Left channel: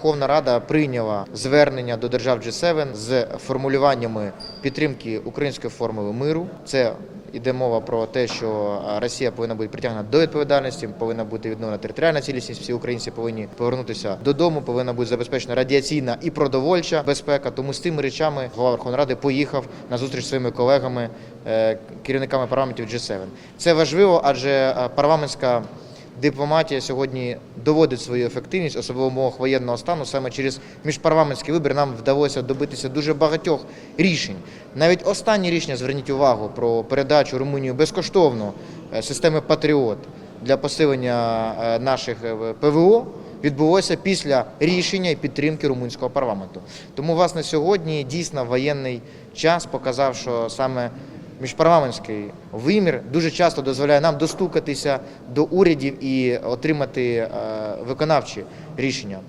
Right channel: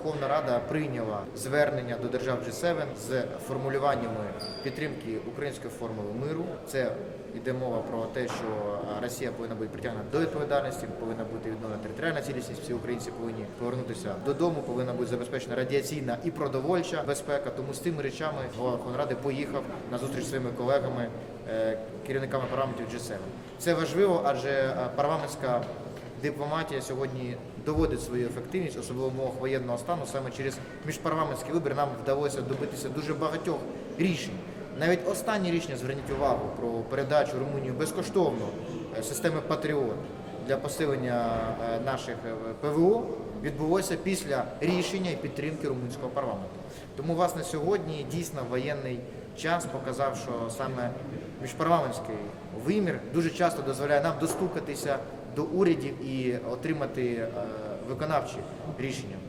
Верховна Рада прийняла звернення до держав G7 з формулюваннями підтримки української формули миру. Це Іде мова про те, що Росія повинна бути притягнена до відповідальності, повинна бути відновлена територіальна цілісність. Всі українці повинні повернутися додому. Повинна бути забезпечена радіаційна і продовольча безпека. Тому з тими речами голова Верховної Ради поїхав на зустріч своїми колегами, е, керівниками парламентів G7. Це важливо, адже е, парламентська дипломатія сьогодні доводить свою ефективність, особливо в умовах воєнного стану. Саме через міжпарламентські вибори нам вдалося добитися дуже багатьох рішень. Навіть останнє рішення зверніть увагу про передачу Румунію безкоштовно е, системи Патріот для посилення е, наших е, ПВО. Відбулося після рішення і підтримки румунського парламенту. Тому, власне, сьогодні дійсно воєнний час показав, що саме міжпарламентський вимір дуже часто дозволяє нам достукатися до урядів і отримати е, виконавчі рішення.